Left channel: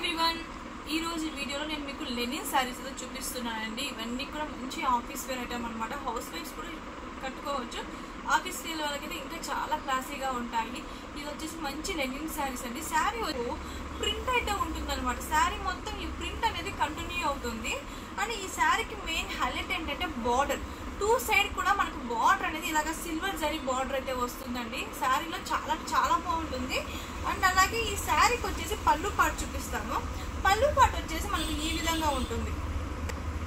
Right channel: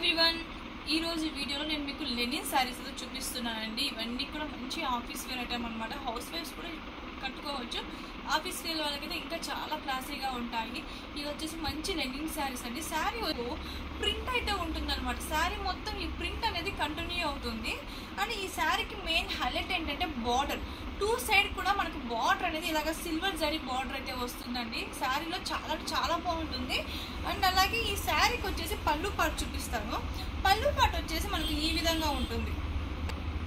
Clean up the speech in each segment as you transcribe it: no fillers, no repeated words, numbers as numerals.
Everyone ఈ రోజు వీడియోలో నేను మీకు లెనిన్ సారీస్ చూపిస్తున్నానండి. ఇవన్నీ కూడా మంచి ఆఫీస్ వేర్ ఐటమ్ అన్నమాట. హౌస్ వైఫ్స్ కూడా కట్టుకోవచ్చు. ఆఫీస్ వేర్ వాళ్ళకైతే ఇంకా చాలా క్లాసీగా ఉంటాయి. ఇది వచ్చేసి మంచి లెనిన్ సారీస్ అండి. సారీ ప్రింట్ అయితే ఉంటుందన్నమాట. సారీ మొత్తం ఈ ప్రింట్ అనేది కంటిన్యూ అవుతుంది. అండ్ ఈ సారీకి మెయిన్ హైలైట్ ఏంటంటే బార్డర్, టూ సైడ్ కూడా మనకు బార్డర్ అనేది ఇలాగ సిల్వర్ జరీ బార్డర్ అయితే వస్తుందండి. శారీలో చాలా బాగుంటుంది. అండ్ అలాగే ఈ శారీకి వచ్చేసి పళ్ళు పాటు చూపిస్తాను. పళ్ళు పాటు వచ్చేసి మనకి ఈ విధంగా ఉంటుంది.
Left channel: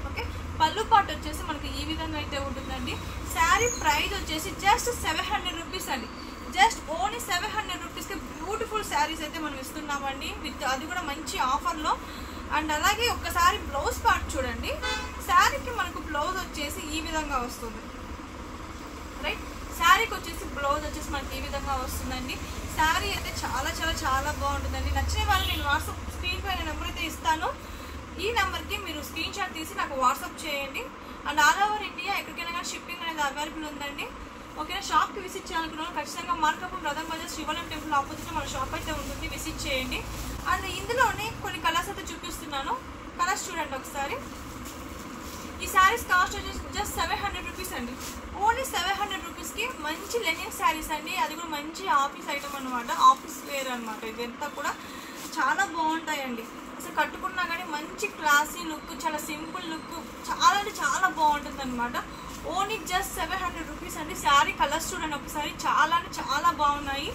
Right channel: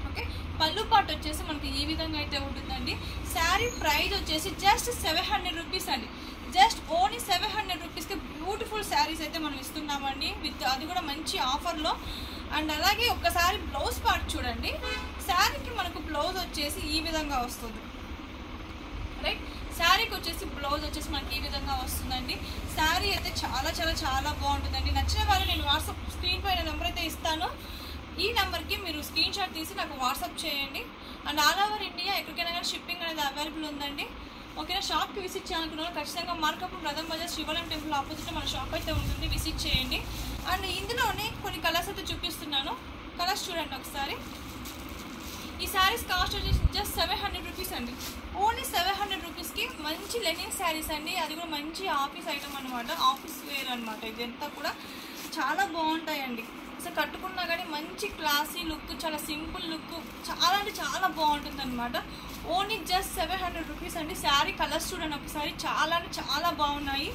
ఓకే, పళ్ళు పాటు వచ్చేసి మనకి ఈ విధంగా అయితే ఉంటుందండి. శారీ ప్రైస్ వచ్చేసి జస్ట్ 700 రూపీస్ అండి. జస్ట్ ఓన్లీ 700 రూపీస్కి బ్యూటిఫుల్ శారీస్ అయితే మనం ఇస్తున్నామండి. విత్ అది కూడా మంచి ఆఫర్లో. అండ్ అలాగే ఒకసారి బ్లౌజ్ పార్ట్ చూడండి. శారీకి మనకు బ్లౌజ్ వచ్చేసి ఈ విధంగా వస్తుంది. రైట్, శారీకి వచ్చేసి బ్లౌజ్ వచ్చేసి మనకి ఈ విధంగా వస్తుందండి. శారీ అయితే చాలా బాగుంటుందండి. నచ్చిన వాళ్ళు నేను వాట్సాప్ స్క్రీన్ పైన నెంబర్ అయితే ఇస్తాను. ఈ నెంబర్కి మీరు స్క్రీన్ షాట్ తీసి నాకు వాట్సాప్ చేయండి. అండ్ ఆల్ ఓవర్ ఇండియా ఎక్కడికైనా షిప్పింగ్ అనేది అవైలబుల్ ఉందండి. ఓకేనా, షాప్కి విజిట్ చేయాలనుకున్న ఖచ్చితంగా మార్కప్ రథం బజార్ శివాలయం టెంపుల్ ఆపోజిట్ మన షాప్ అయితే ఉంటుంది. విజిట్ చేయండి. అండ్ ఇందులోనే కొన్ని కలర్స్ అయితే చూపిస్తున్నాను. కలర్స్ చూడండి ఒకసారి. ఈ శారీస్ కాస్ట్ వచ్చేసి జస్ట్ 700 రూపీస్ అండి. ఓన్లీ 700 రూపీస్కి మంచి లెనిన్ శారీస్ అండి. అది కూడా మంచి ఆఫీస్ ఐటమ్ అనమాట. ఆఫీస్ వేర్ అనమాట. ఇదంతా కూడా చాలా బాగుంటాయండి. అసలు కట్టుకున్నా కానీ మంచి క్లాసీ లుక్, చాలా సింపుల్ లుక్, చాలా బాగుంటుంది అనమాట. ఓన్లీ జస్ట్ 700 రూపీస్ అండి. శారీ కలర్స్ చూడండి ఒకసారి. చాలా బాగున్నాయి.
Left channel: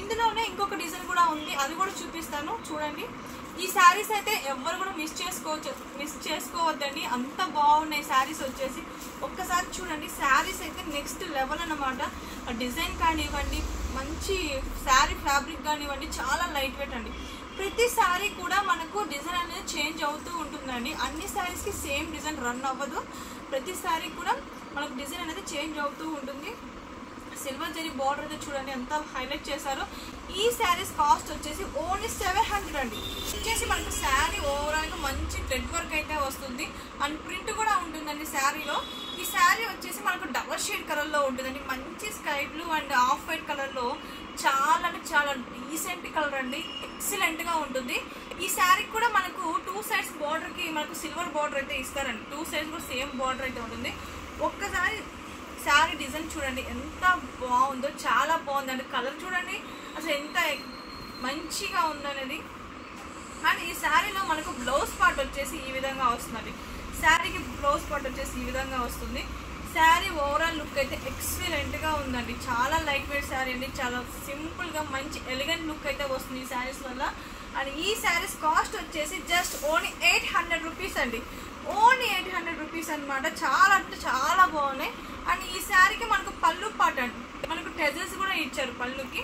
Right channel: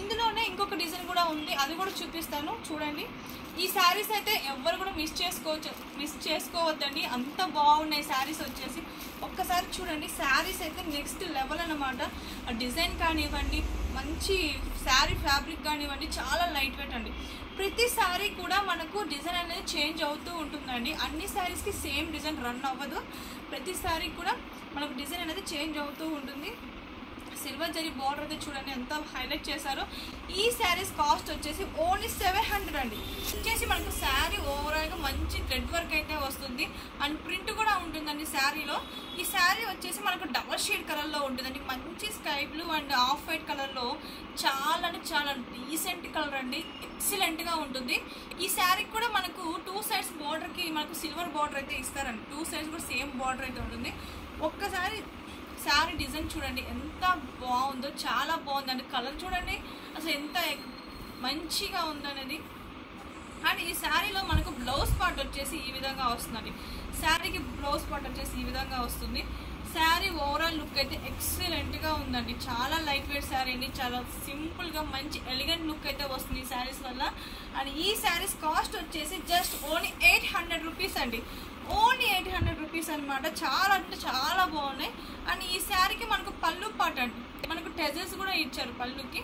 ఇందులోనే ఇంకొక డిజైన్ కూడా ఉంది, అది కూడా చూపిస్తాను చూడండి. ఈ శారీస్ అయితే ఎవరు కూడా మిస్ చేసుకోవద్దండి. అంత బాగున్నాయి శారీస్ వచ్చేసి. ఒక్కసారి చూడండి. శారీస్ అయితే నెక్స్ట్ లెవెల్ అనమాట. డిజైన్ కానివ్వండి, మంచి శారీ ఫ్యాబ్రిక్ కానివ్వండి, చాలా లైట్ వెయిట్ అండి. ప్రతి శారీ కూడా మనకు డిజైన్ అనేది చేంజ్ అవుతూ ఉంటుందండి. అన్ని శారీస్కి సేమ్ డిజైన్ రన్ అవ్వదు. ప్రతి శారీ కూడా మనకు డిజైన్ అనేది చేంజ్ అవుతూ ఉంటుంది. సిల్వర్ జరీ బార్డర్ అయితే చూడండి ఎంత హైలైట్ చేశారో. ఈ శారీస్ కాస్ట్ వచ్చేసి ఓన్లీ 700 అండి. వచ్చేసి మనకు శారీ ఓవరాల్గా మంచి థ్రెడ్ వర్క్ అయితే వస్తుంది. అండ్ ప్రింట్ కూడా ఉంటుందండి శారీలో. ఈ శారీ వచ్చేసి మనకు డబల్ షేడ్ కలర్లో ఉంటుందండి. మంచి sky blue and off white కలర్లో చాలా డీసెంట్ కలర్ అండి. ఎక్సలెంట్గా ఉంటుంది. ఈ శారీకి కూడా మనకు టూ సైడ్స్ బార్డర్కి మనకు సిల్వర్ బార్డర్ అయితే ఇస్తారండి. టూ సైడ్స్ కూడా సేమ్ బార్డర్ అయితే ఉంటుంది. ఒక్కసారి శారీ డిజైన్ చూడండి ఎంత బాగుందో. చాలా బాగుందండి. కలర్ చూడండి అసలు ఎంత మంచిగా ఉందనేది. అండ్ ఈ శారీలో మనకు బ్లౌజ్ పార్ట్ వచ్చేసి ఈ విధంగా వస్తుందండి. శారీకి బ్లౌజ్ పార్ట్ వచ్చేసి ఈ విధంగా వస్తుంది. శారీ ఓవరాల్ లుక్ అయితే ఎక్సలెంట్గా ఉందండి. చాలా లైట్ వెయిట్ శారీ అండి. చాలా సింపుల్గా మంచి ఎలిగెంట్ లుక్ అయితే వస్తుంది ఈ శారీస్ వల్ల. అండ్ ఈ శారీస్ కాస్ట్ వచ్చేసి జస్ట్ ఓన్లీ 800 రూపీస్ అండి. ఓన్లీ 800 రూపీస్ అనమాట. చాలా బాగున్నాయి. అండ్ ఈ శారీకి మనకు పళ్ళు పాట అండి. మనకు టెజల్స్ కూడా ఇచ్చారు పళ్ళుకి.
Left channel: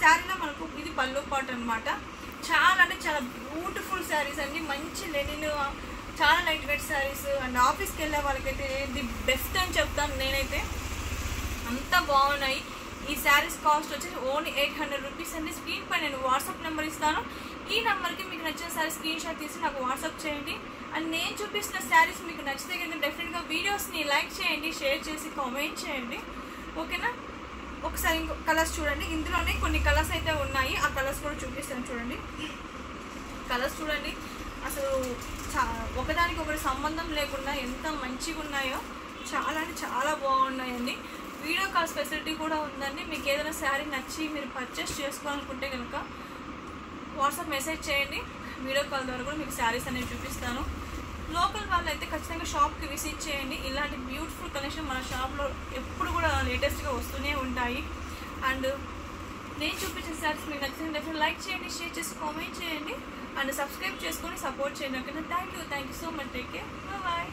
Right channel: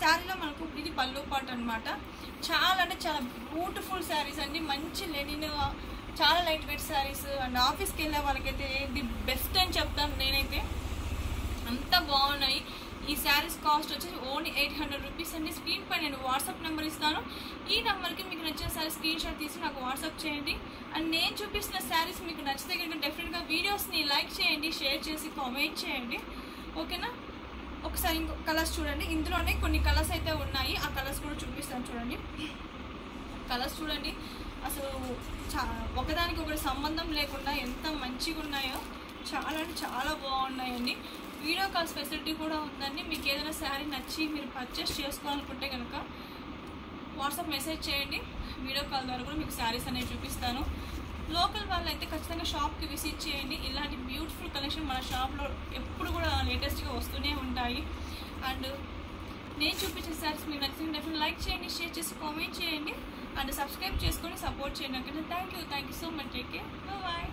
శారీలో మనకు ఇది పళ్ళు పాట అనమాట. చాలా బ్యూటిఫుల్ శారీస్ అండి. మంచి లెనిన్, చాలా లైట్ వెయిట్ శారీస్. అండ్ ఆఫీస్కి వెళ్ళే వాళ్ళకైతే ది బెస్ట్ అని చెప్తాను నేనైతే. అంత బాగున్నాయి. ఈ శారీస్ కాస్ట్ వచ్చేసి ఓన్లీ 800 రూపీస్ అండి. స్క్రీన్ పై నేను వాట్సాప్ నెంబర్ ఇస్తాను. ఈ నెంబర్కి మీకు నచ్చిన శారీ స్క్రీన్ షాట్ తీసి నాకు వాట్సాప్ చేయండి. అండ్ నేను చూపిస్తున్న శారీస్ మీకు నచ్చితే కనుక డెఫినెట్గా వీడియోస్ని లైక్ చేయండి, షేర్ చేసి కామెంట్ చేయండి. ఓకేనా, ఒకసారి ఇంకో కలర్స్ చూడండి. ఇందులోనే కొన్ని కలర్స్ అయితే ఉన్నాయి. ఆ కలర్స్ కూడా చూపిస్తాను చూడండి. కలర్స్ చూడండి అసలు ఒకదానికి ఒకటి సంబంధం లేకుండా ఎంత మంచిగా ఉన్నాయో. చాలా బాగున్నాయండి. వీడియో కాల్ ఫెసిలిటీ కూడా ఉందండి. మీకు ఏదైనా శారీ నచ్చి మీరు పర్చేస్ చేసుకోవాలనుకుంటే కనుక వాట్సాప్ మెసేజ్ చేయండి. వీడియో కాల్ ద్వారా కూడా మీకు శారీస్ అనేవి చూపిస్తాను. లోకల్ వాళ్ళు అయితే ఖచ్చితంగా షాప్కి విజిట్ చేయండి. ఇలాంటి బ్యూటిఫుల్ కలెక్షన్ మన షాప్లో ఎప్పుడు కూడా లేటెస్ట్గా వస్తూనే ఉంటాయి. అండ్ నేను చూపించిన శారీస్ మీకు నచ్చిన డెఫినెట్గా లైక్ చేయండి, షేర్ చేసి కామెంట్ చేయండి. అండ్ సబ్స్క్రైబ్ చేసుకొని సపోర్ట్ చేయండి. ఓకేనా, thank you so much. Take care, bye.